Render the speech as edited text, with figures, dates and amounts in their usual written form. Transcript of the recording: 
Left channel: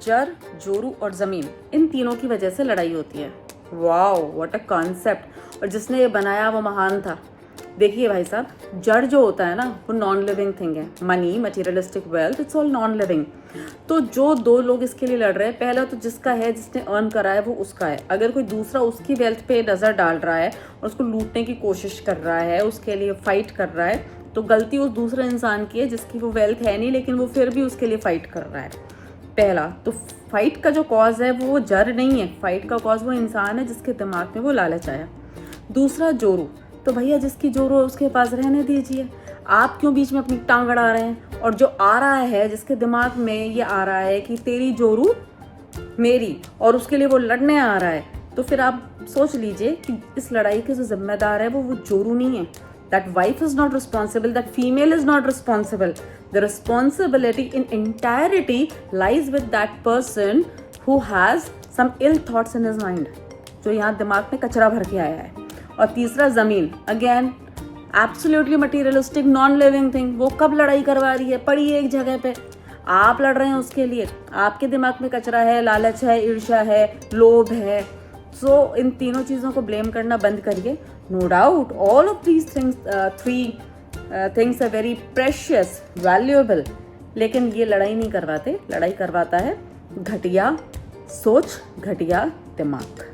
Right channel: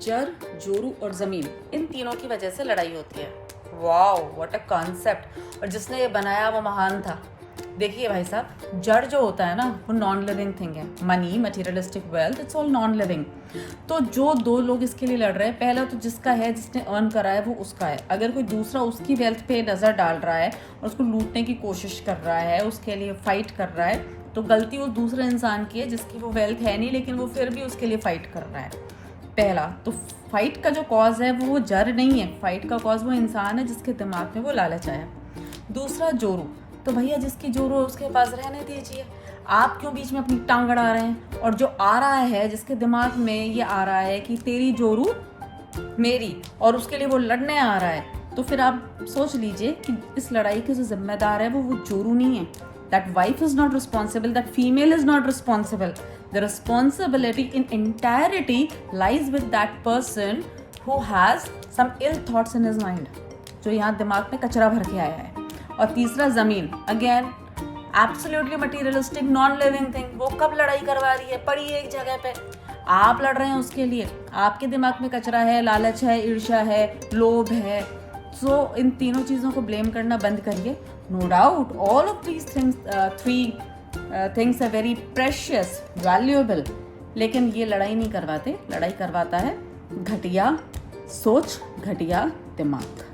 जर, जोरू और जमीन, इन तीनों की वजह से लड़ाई होती है। Wow, what a concept. और जिसने ये बनाया वो महान था। देखिए भाई साहब, जड़ जो होता है ना वो नॉन लिविंग थिंग है। Money, materialistic wealth, it's all non living. तो जो दो लोग इसके लिए लड़ रहे हैं, पहला तो जिसका है, जिसने अर्न करा है, वो उसका है। अगर कोई दूसरा उसकी वेल्थ पे नजर डाल रहा है और उसको लूटने की कोशिश कर रहा है, उसके लिए फाइट कर रहा है, तो गलती उस दूसरे इंसान की है जिसकी वो वेल्थ है नहीं, लेकिन वो फिर भी उसके लिए फाइट कर रहा है। पहला तो फाइट का जो कॉज है वो जड़ नहीं है, फाइट का कॉज वो इंसान है जिसके दिमाग में वो लालच आया। दूसरा जोरू, तो भैया जिसकी जोरू है उसके पास रहने दीजिए, आप क्यों बीच में अपनी टांग अड़ा रहे हैं। और जो आ रहा है, जिसके दिमाग में ये आ रहा है कि तेरी जोरू मेरी, और उसके लिए वो लड़ने आ रहा है, तो फिर आप सोच लीजिए कि इस लड़ाई के जो जिम्मेदार है वो जोरू नहीं है। That wife is not responsible, that female is not responsible. The responsibility in entirety lies with that person who has some ill thoughts in his mind, जो यहाँ दिमाग में कचरा भर के आया है। और तीसरा जमीन, again absolutely materialistic non living thing. वो कब लड़ाई करवा रही है, पड़ी है एक जगह पे, आप लड़ रहे हैं उसके लिए। आपके दिमाग में कचरा है, लालच है, ईर्ष्या है, लोभ है। सो इन तीनों चीजों को ब्लेम करना बंद करिए। No doubt all of these three things are very precious, valuable, लेकिन ये लड़ाई नहीं करवाते। लड़ाई करवाता है घटिया सोच, घटिया दिमाग।